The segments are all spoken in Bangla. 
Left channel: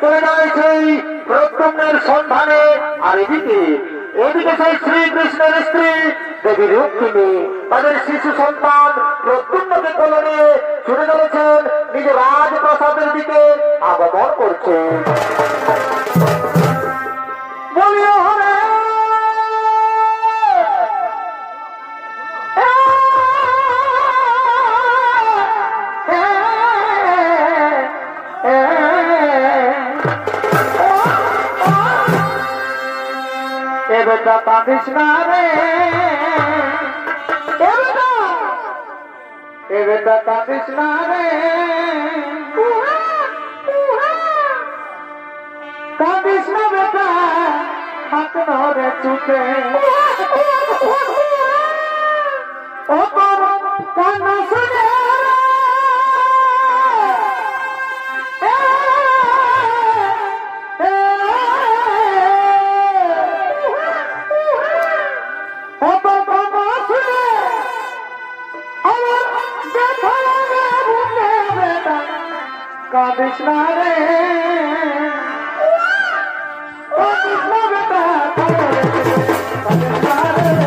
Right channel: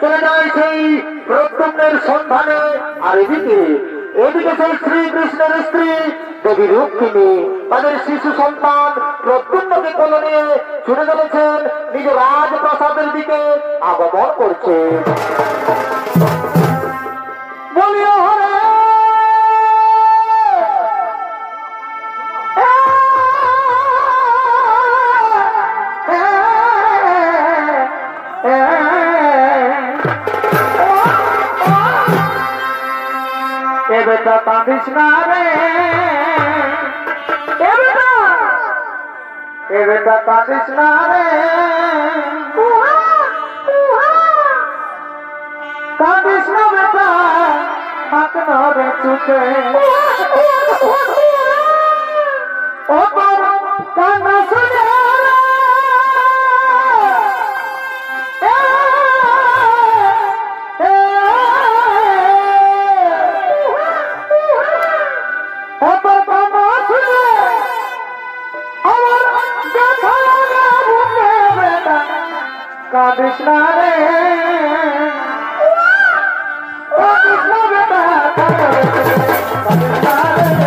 চলে যায় সেই প্রদ্যুম্নের সন্ধানে। আর এদিকে সেই শ্রীকৃষ্ণের স্ত্রী দেবী রুক্মিণী তাদের শিশু সন্তান প্রদ্যুম্নকে কোলে নিয়ে ছুটে চলেছেন নিজের রাজপ্রাসাদের দিকে আগমন করছে। বলিও হরে বেটা কাঁদিস না রে, বেটা কাঁদিস না রে, কাঁদিস না বেটা হাত ধরে চুকে ও কান্না শুনে কাঁদিস না রে, কাঁদিস না বেটা কাঁদিস না রে,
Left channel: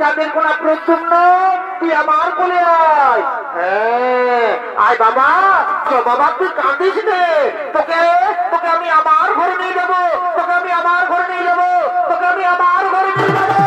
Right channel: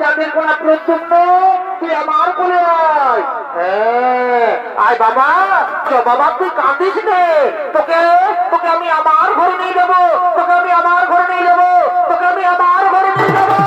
কাঁদিস না প্রদ্যুম্ন তুই আমার কোলে আয়। হ্যাঁ আয় বাবা, বাবা তুই কাঁদিস নে, তোকে তোকে আমি আমার ঘরে নিয়ে যাবো, তোকে আমি আমার ঘরে নিয়ে যাবো, তোকে আমি আমার ঘরে নিয়ে যাবো।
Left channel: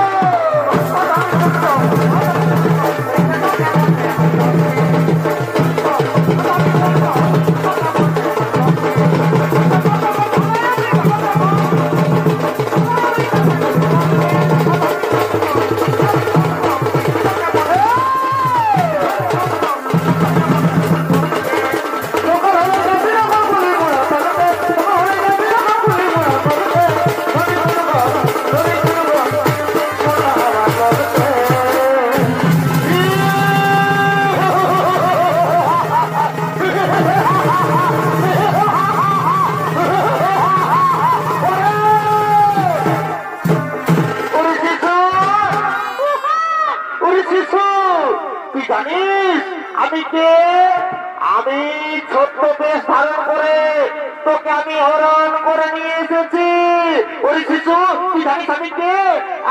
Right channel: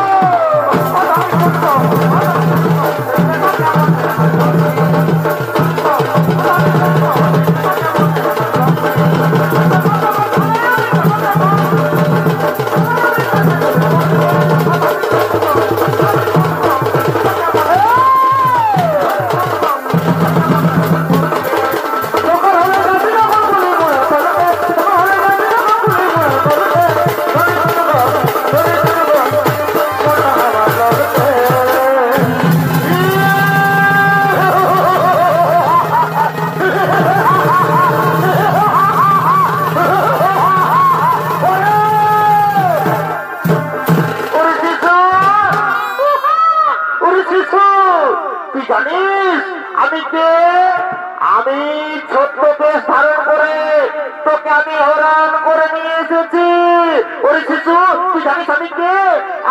আমি ছোট্ট বেশ ধারণ করে তোকে আমি হরণ করে নিয়ে এসেছি। ওই শিশু তুই জানিস আমি কে?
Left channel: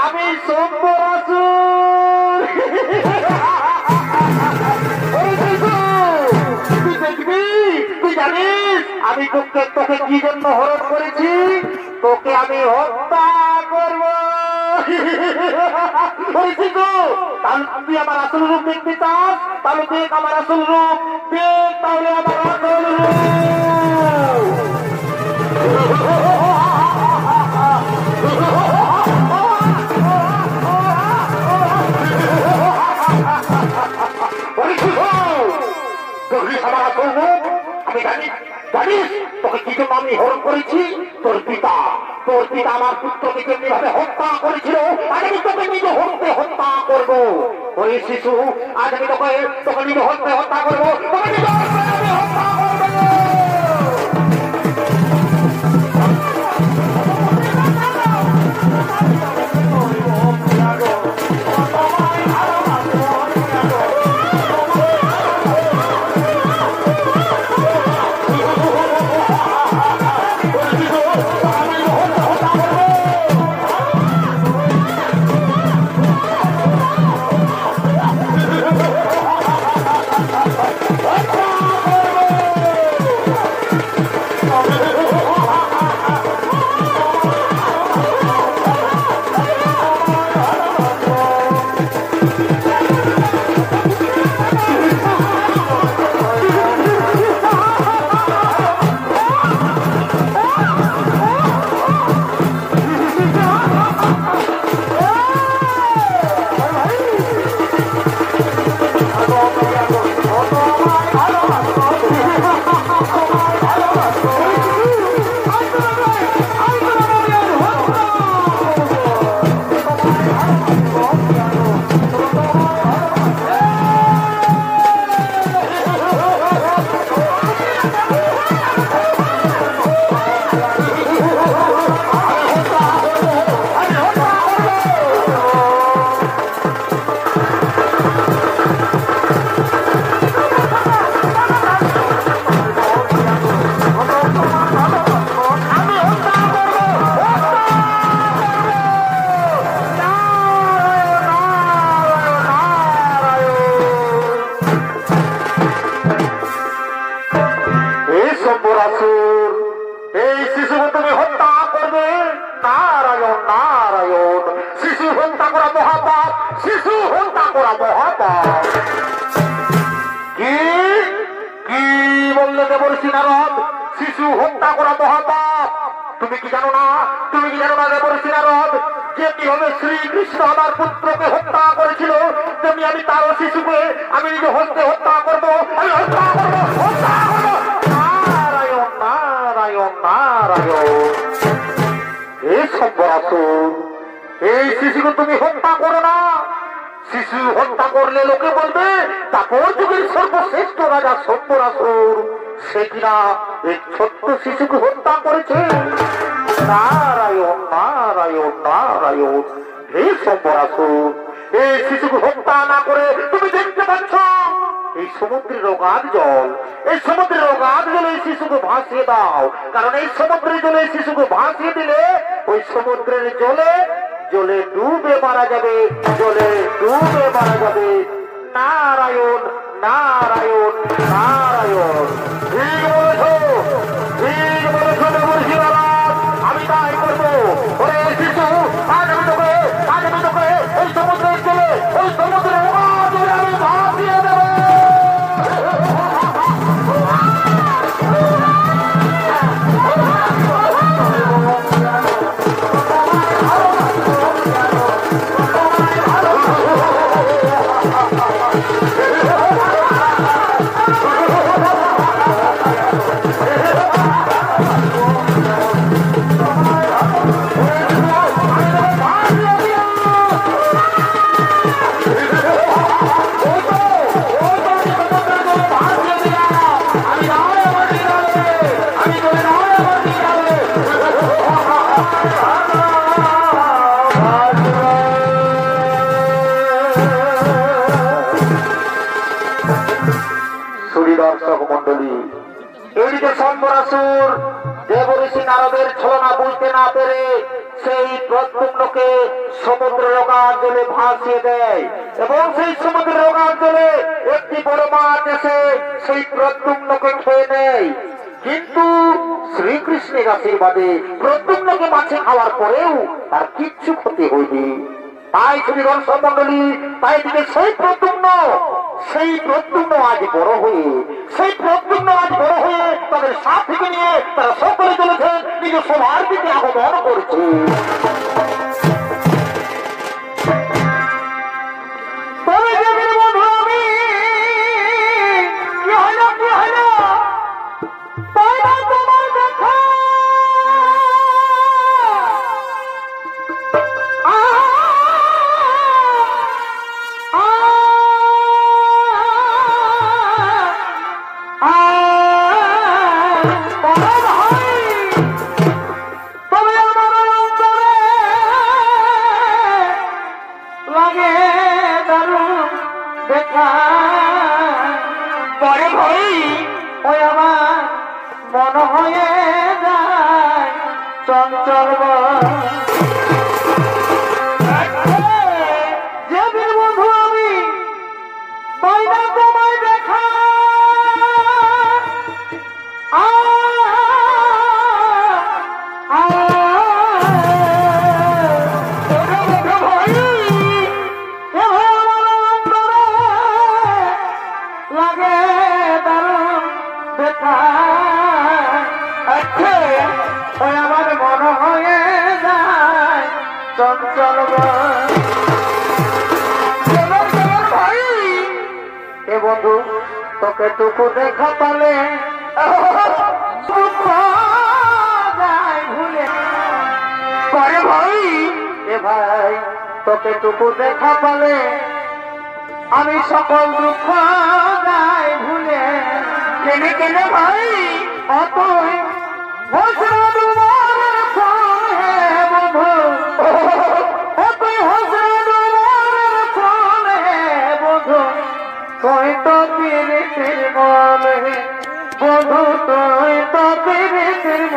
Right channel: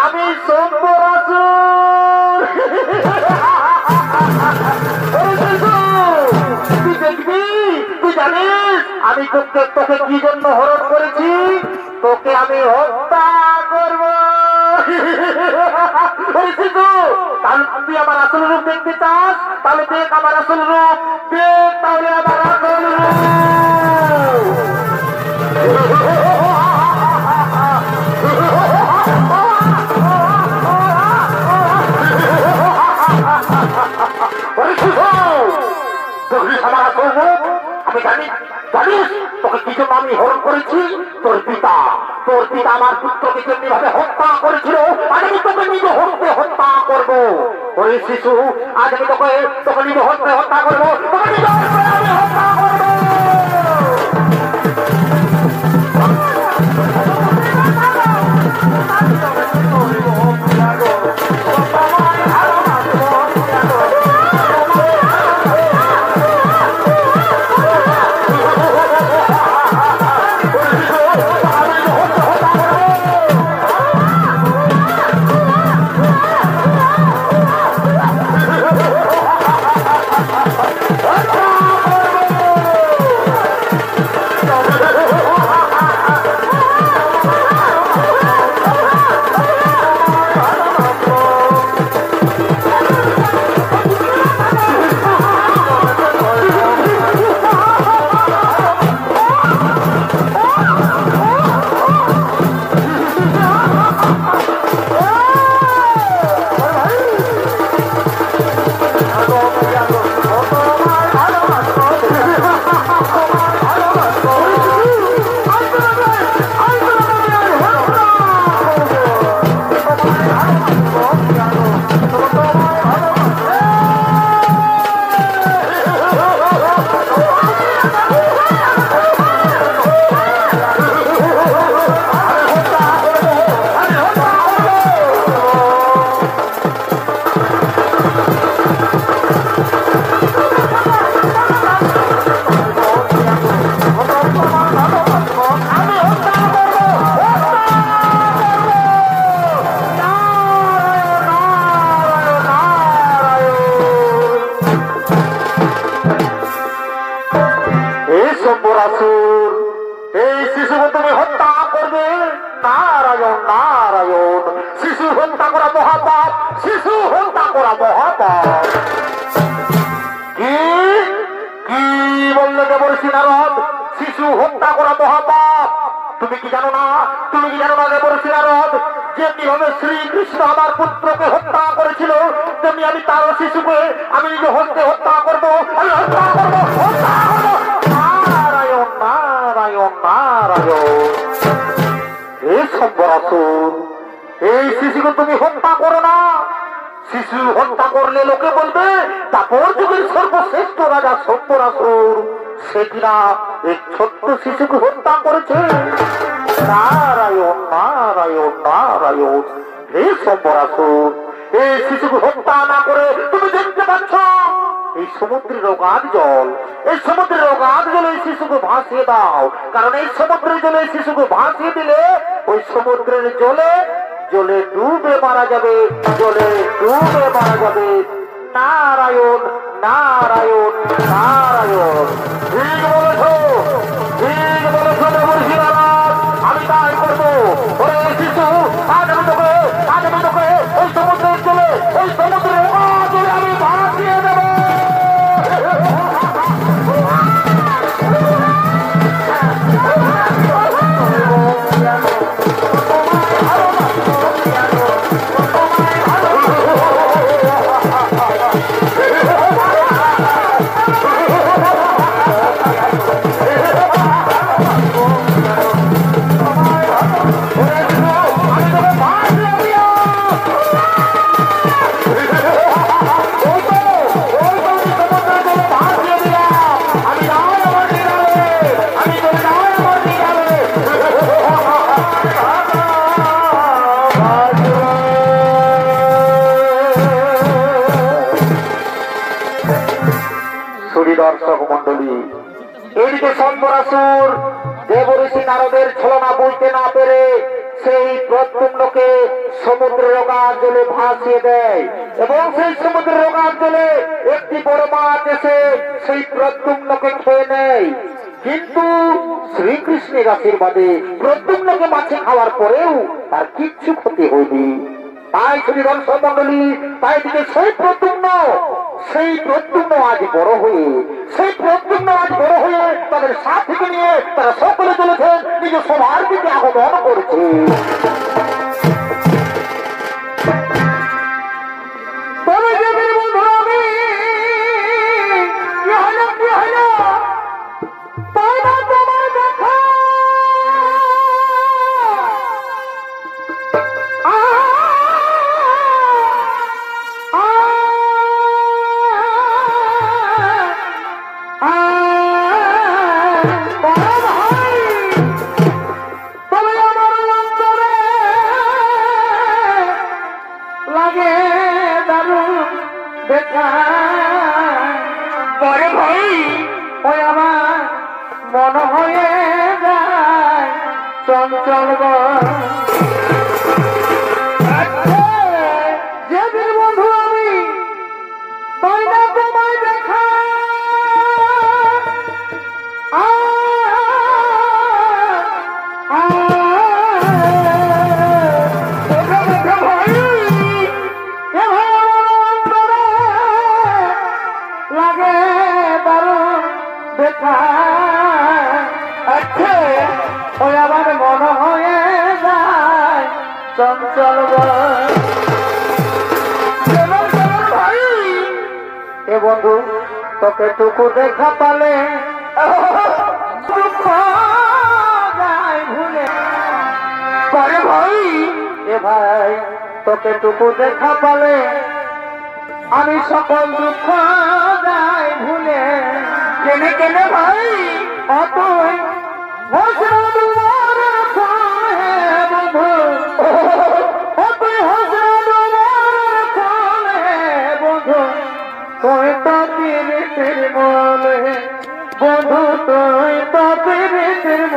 আমি শম্বরাসুর। ওই শিশু তুই দেখবি, তুই জানিস আমি তোকে কি জন্য হরণ করেছি? তোকে আমি হত্যা করব। ওই শিশু তাহলে তুই আমার আসল রূপ দেখতে চাস? তাহলে দেখ আমার আসল রূপ, দেখ তাহলে আমার আসল রূপ। আমার আসল রূপ আমি জানিস তোকে কি জন্য আমি হরণ করেছি? তোর পিতা আমার পুত্রকে যেমনি ভাবে হত্যা করেছিল, আজ আমি তোকে নিজে হত্যা করবো। ওই শিশু আজ আমি তোকে নিজে হত্যা করবো, তোকে নিজে আমি হত্যা করবো। করা মহাপাপ, শিশু হত্যা করা মহাপাপ। কি কি বললে দেবর্ষি নারদ? শিশু হত্যা করা মহাপাপ। তুমি কি জানো না? তুমি কি জানো না দেবর্ষি নারদ, যেমনি ভাবে শ্রীকৃষ্ণ আমার পুত্রকে হত্যা করেছিল, তেমনি আমি তার শিশুকে আমি নিজে হত্যা করবো, আমি হত্যা করবো, হত্যা করবো। নারায়ণ নারায়ণ নারায়ণ। এই সম্বরাসুর, এই শিশুকে তুমি হত্যা করো না। শিশু হত্যা করলে লোকে বলবে তারপর যুগের সর্বশ্রেষ্ঠ রাজা সম্বরাসুর সে কিনা এই ছোট্ট শিশুকে হত্যা করেছে। নারায়ণ নারায়ণ নারায়ণ। হে সম্বরাসুর, এই শিশুকে হত্যা না করে তুমি দেখতে পাচ্ছ এই সমুদ্রের অগাধ জল, এই সমুদ্রের অগাধ জলে এই শিশুকে ভাসিয়ে দাও। কারণ এই সমুদ্রের জলে এই শিশুকে ভাসিয়ে দিলে ওই সমুদ্রের জলে জলে ডুবে মারা যাবে, জলে ডুবে মারা যাবে। নারায়ণ নারায়ণ নারায়ণ। ঠিক বলেছ, ঠিক বলেছ দেবর্ষি নারদ, আমি তাই করবো। ওরে শিশু, আজ আমি তোকে ওই সমুদ্রের জলে, ওই সমুদ্রের জলে আমি ভাসিয়ে দেবো। দর্শক মন্ডলী, এদিকে সম্বরাসুর দেবর্ষি নারদের ছলনা বুঝতে না পেরে সেই প্রদ্যুম্নকে সমুদ্রের অগাধ জলে ভাসিয়ে দেয় এবং সেই সমুদ্রের অগাধ জলে একটি বড় মাছ এসে সেই প্রদ্যুম্নকে খেয়ে নেয়। কিন্তু শ্রীকৃষ্ণের আশীর্বাদে প্রদ্যুম্নকে মাছে খাওয়ার পরেও তার কিচ্ছু ক্ষতি হয়নি। তাই শ্রী দর্শক মন্ডলী, তাই দিকে সেই প্রদ্যুম্ন আজ বড় হয়ে, সেই প্রদ্যুম্ন আজ বড় হয়ে তাদের সাথীকে নিয়ে তারা সকলে চলেছেন নিজ সভার দিকে আগমন করছে। মন হয়ে যায় চঞ্চল যেদিন বন্ধু আমি পাই না তোমায় দেখা, লাগে দারুণ দেখা। ওই আমার মন হয়ে যায় চঞ্চল এ বন্ধু তোকে টুকু দেখা পালে ভুলে করে ভাই। এ ভাই তোকে টুকু দেখা পালে আমি সকল দুঃখ যাই ভুলে। কেনে কেনে ভাই অত বন্ধু তুই তো পেরেছিস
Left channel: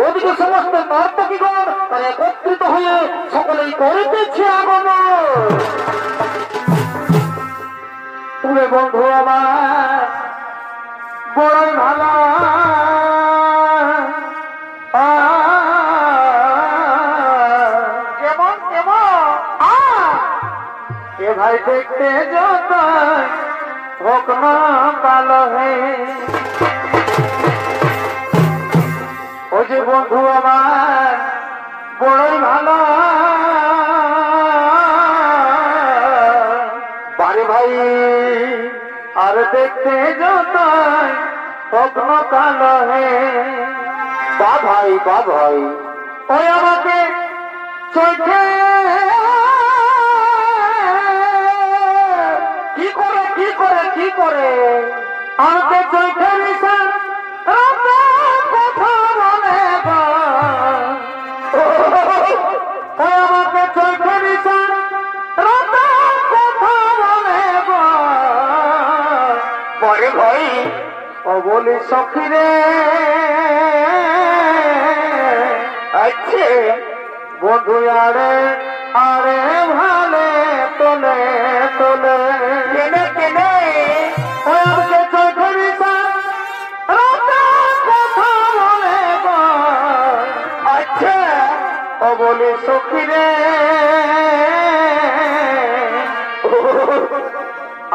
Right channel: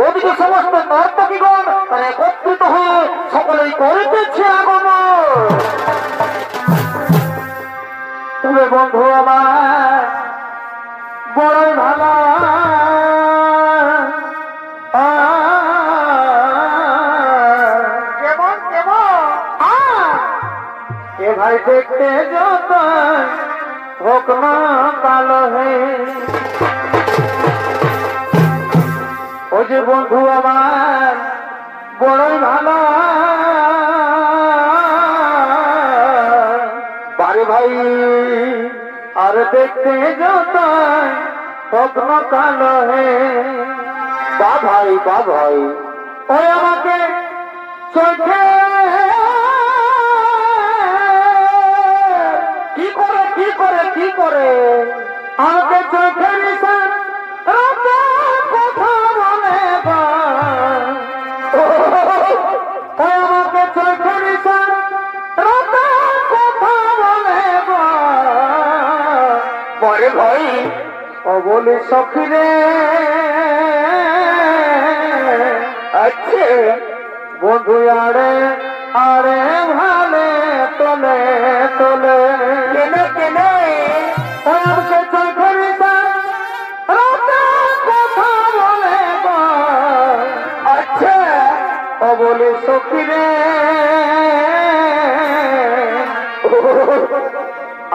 ওদিকে সমস্ত নর্তকীগণ তারা একত্রিত হয়ে সকলেই করিতেছে আগমন। তবে বন্ধু আমার বড়ই ভালো কেমন কেমন এ ভাই দেখতে যত হোক না ভালো হে ও যে বন্ধু আমার বড়ই ভালো বারে ভাই আর দেখতে যত হোক না ভালো হে বা ভাই ওই আমাকে চোখে কি করে আমাকে চোখে নিশান কথা বলে ওই আমাকে চোখে নিশান কথা বলে পরে ভাই ও বলি সখী রে আচ্ছা বন্ধু আরে আরে ভালে তোলে তোলে কেনে কেনে ওকে চোখে নিশান কথা বলে আচ্ছা ও বলি সখী রে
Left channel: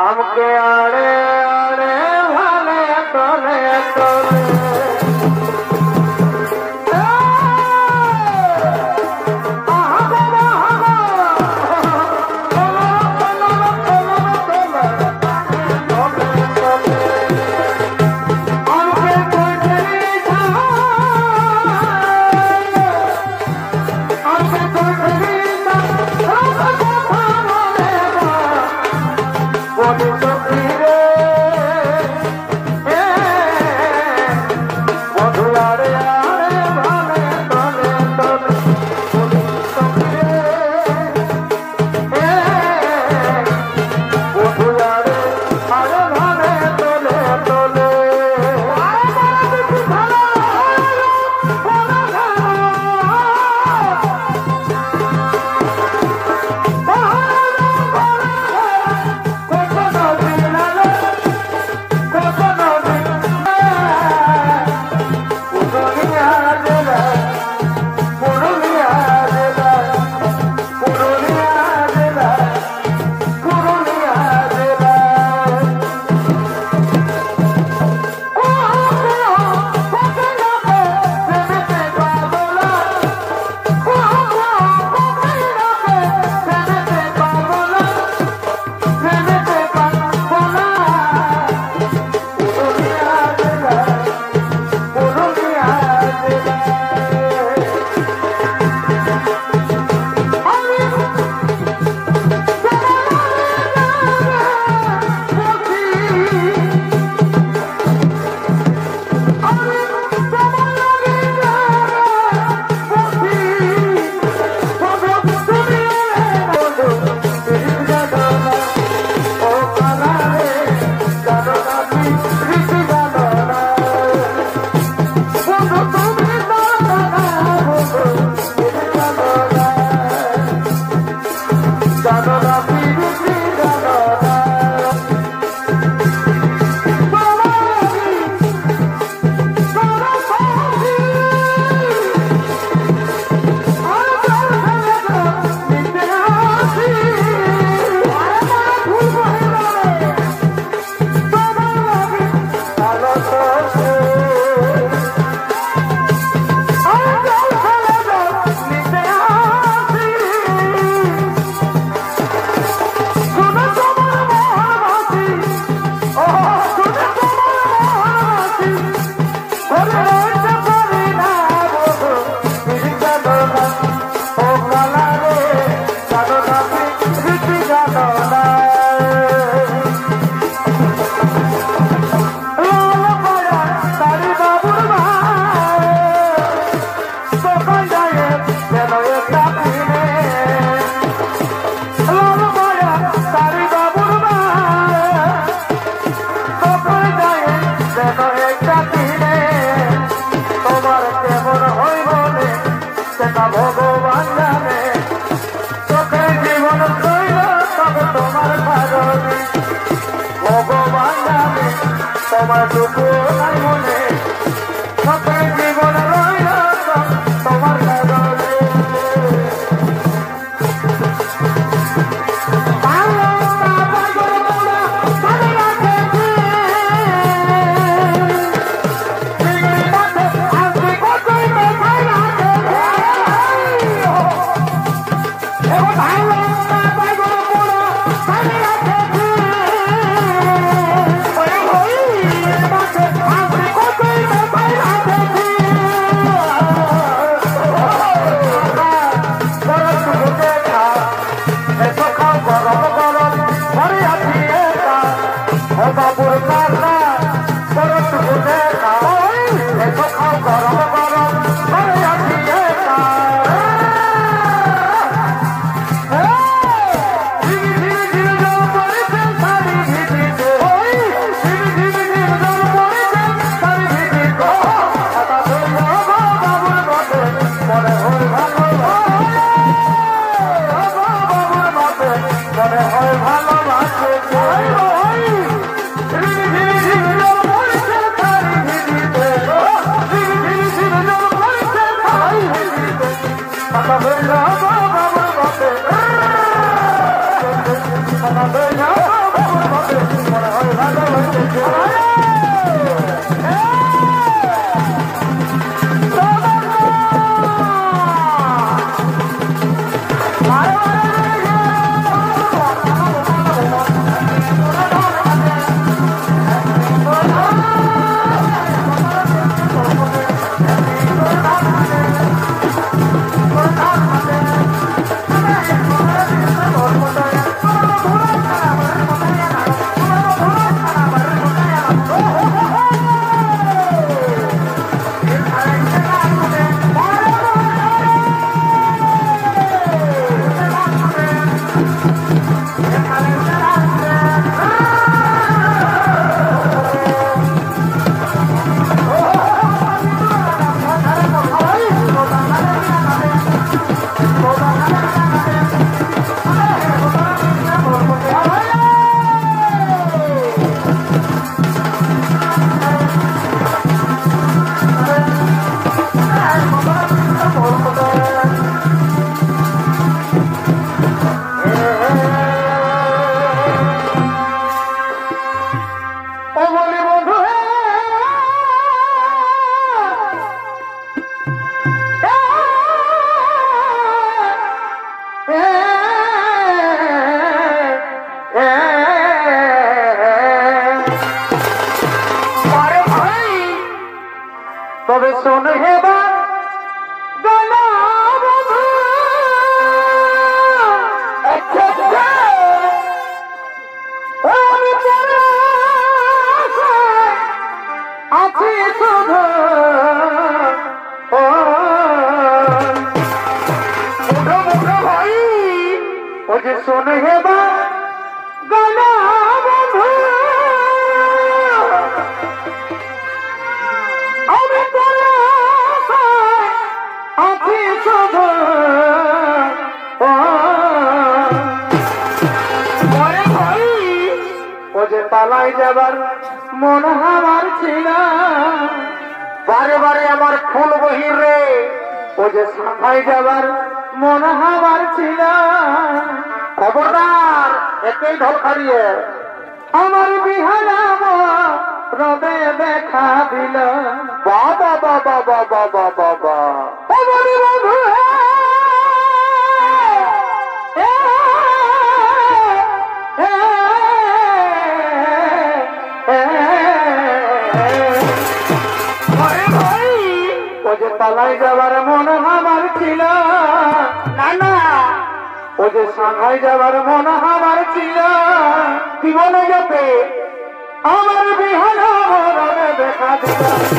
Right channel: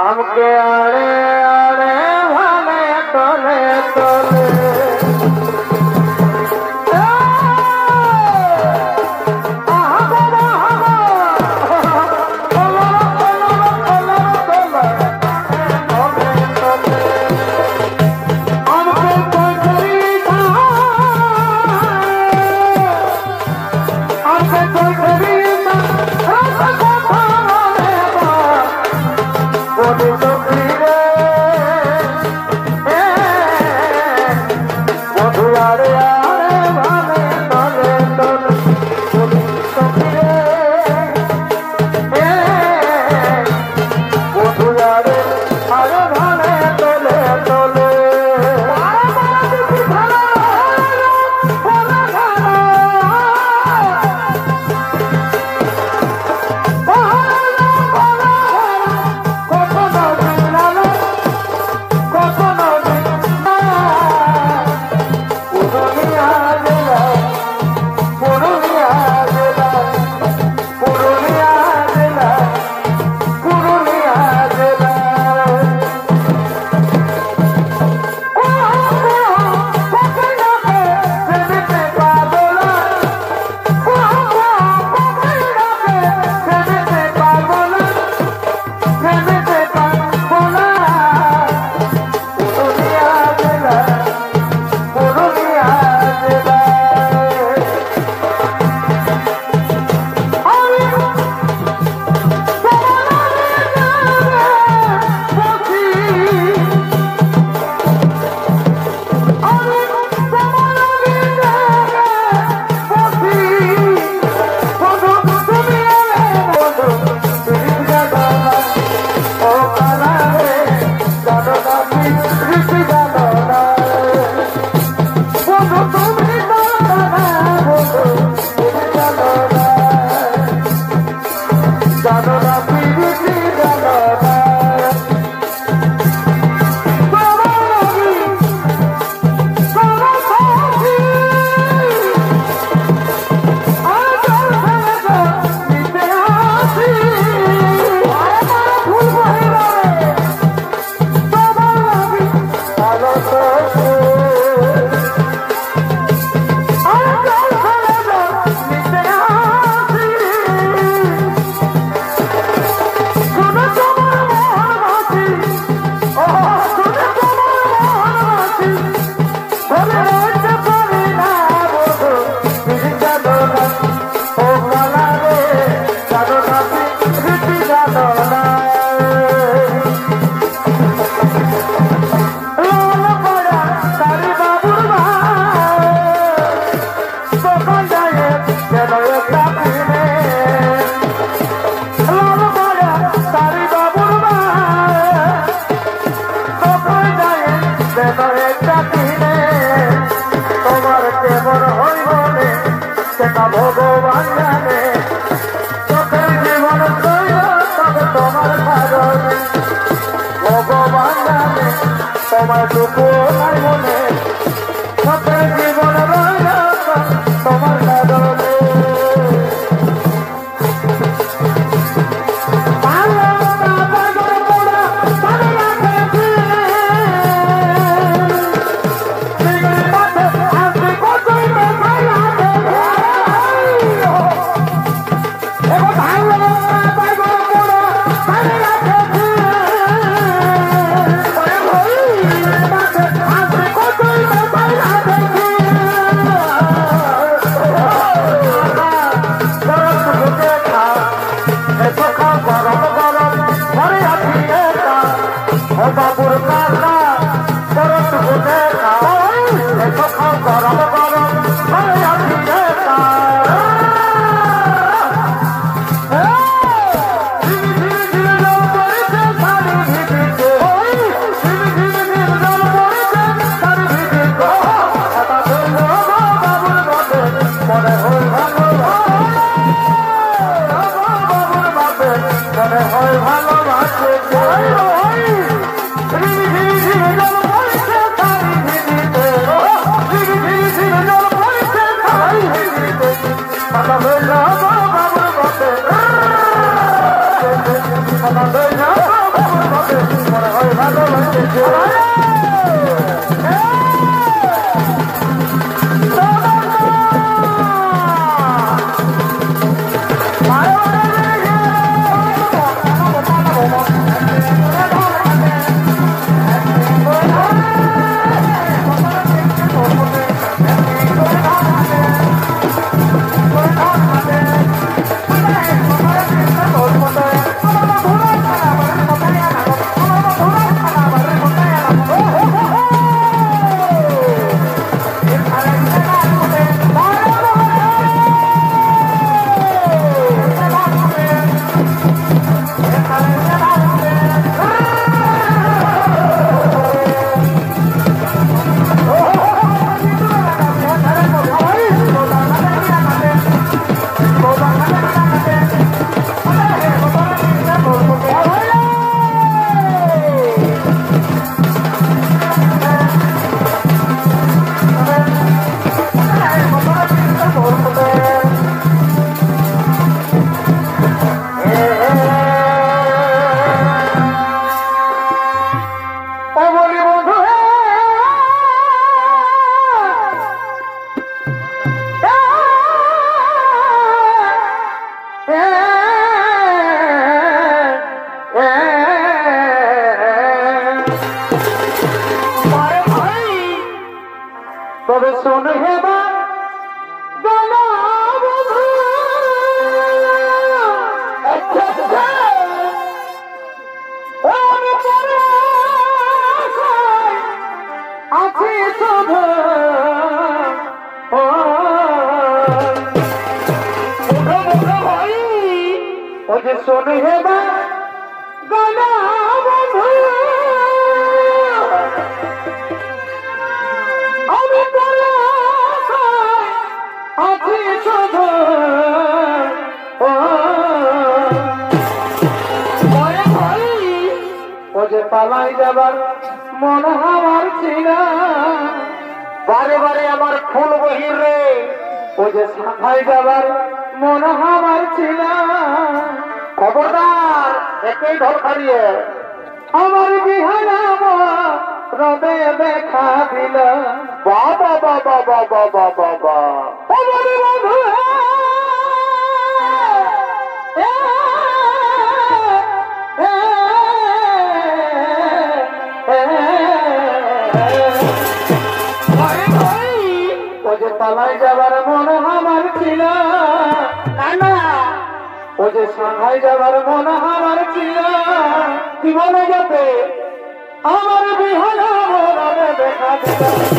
আমাকে আরে আরে ভালে তোলে তোলে What is the শোনে হেবা গানা বন্ধু আমি তোর আছি শুধু ও যে পালাই যাবার মন আমার ছিল বারে বারে আমার ফুল বহির রে ও যে সাফাই যাবার মন আমার ছিল খবরদার একই ঢোল হারিয়ে আমার বিহারা রবে দেখা দিল বাবা বাবা বাবা বাবা বাবা বন্ধু ও যে পালাই যাবার মন আমার ছিল না ও যে সাংহাই যাবার মন আমার ছিল কি বলে যাতে আমার বিহারা দেখা দিল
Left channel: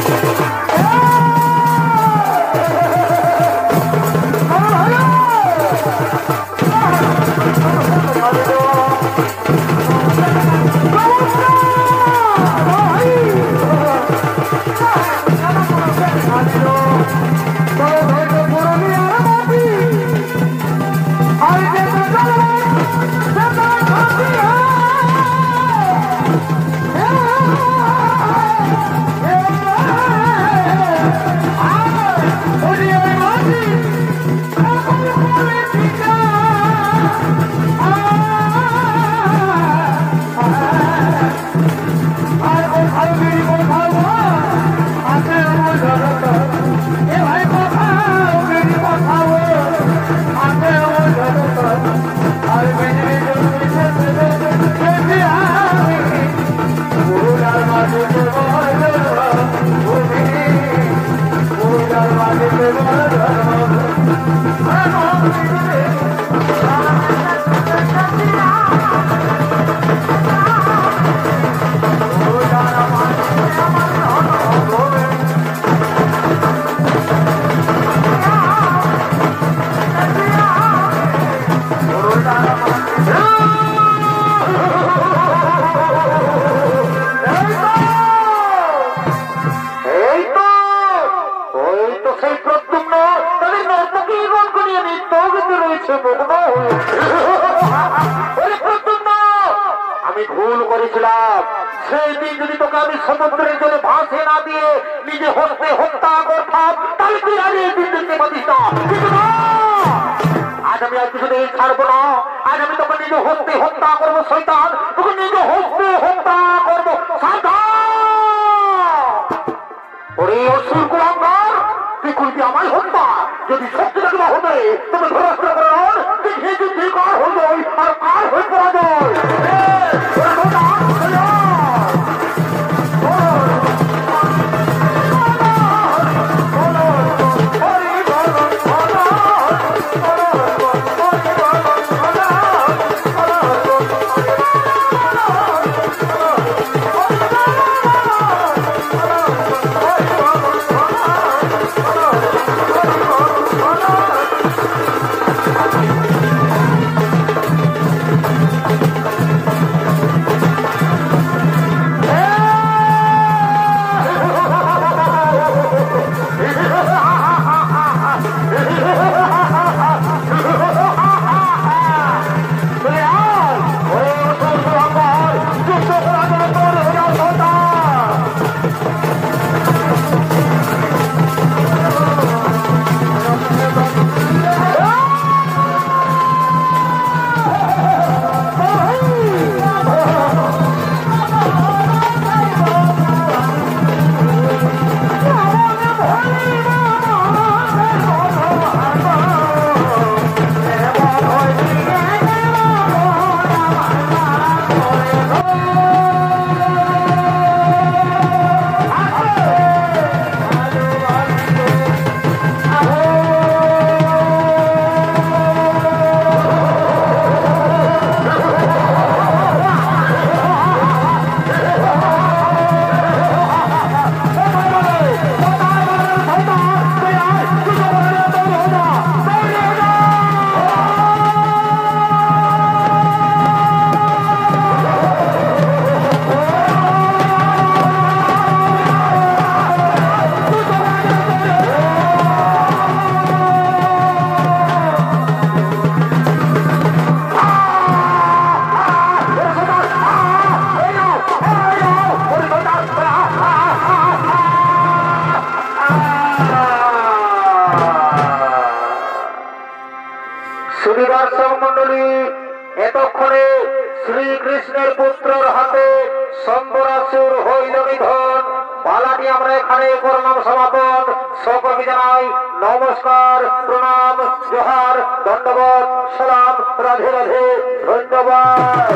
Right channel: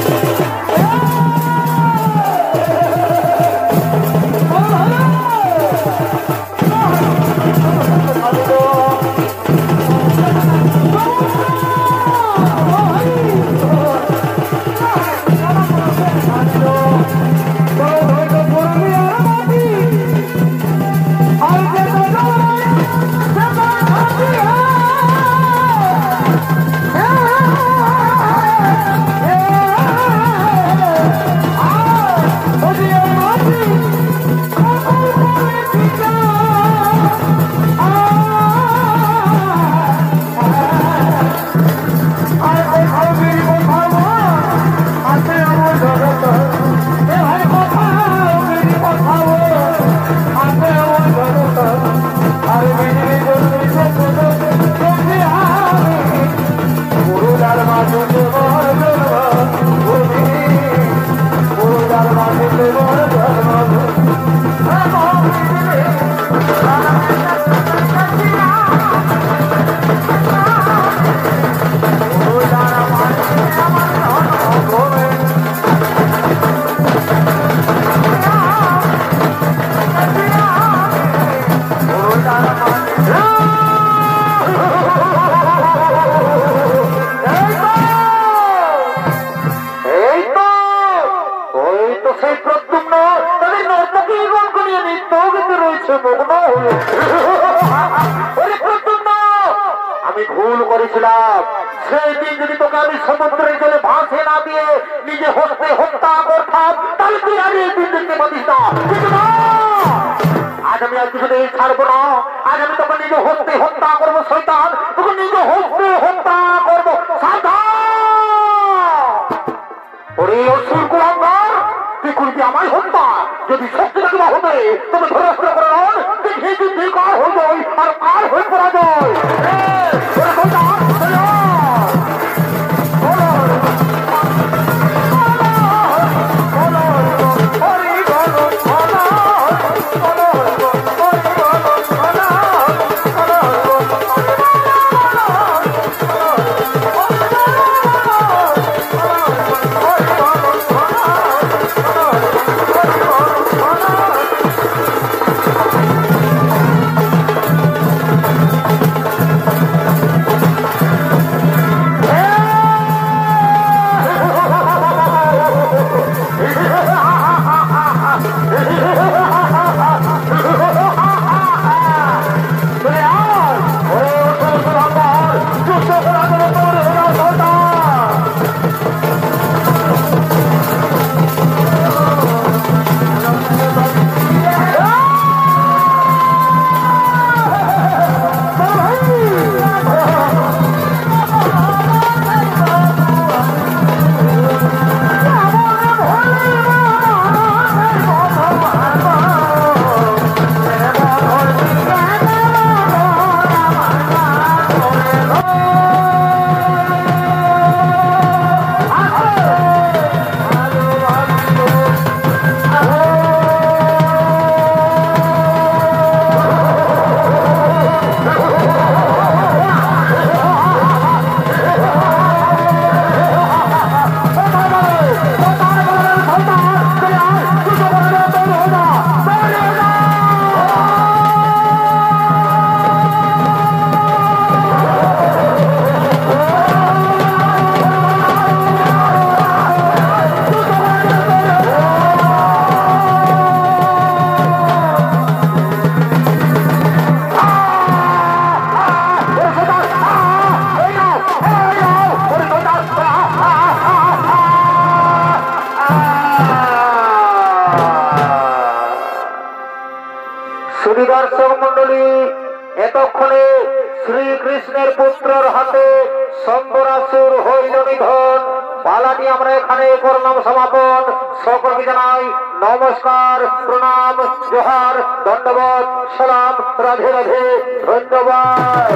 আমি ভুল করেছিলাম সেই দিন যদি তোকে আমি সমুদ্রের জলে ভাসে না দিয়ে নিজে হস্তে হত্যা করতাম তাহলে তুই আমি এই দিন দেখতে পারিস না আজ আমি আর কিছুদিন ছাড়বো না আজ আমি তোকে নিজে হস্তে হত্যা করবো শয়তান তোকে নিজে হস্তে হত্যা করবো ওরে অসুর কুলাঙ্গার তুই করবি আমায় হত্যা যদি সত্যি দেখি না হবে তবে ধরাস্ত্র করে নন দেখে তুই কার হয়ে যায় আর কার হয়ে পড়া যায় এতক্ষণে শ্রীকৃষ্ণের পুত্রের হাতে শম্বরাসুর হইল নিধন। পালাটি আমরা এখানে করলাম সমাপন। সকলকে জানাই নমস্কার, প্রণাম, জোহার, ধন্যবাদ, সালাম, রাধে রাধে, ধন্যবাদ।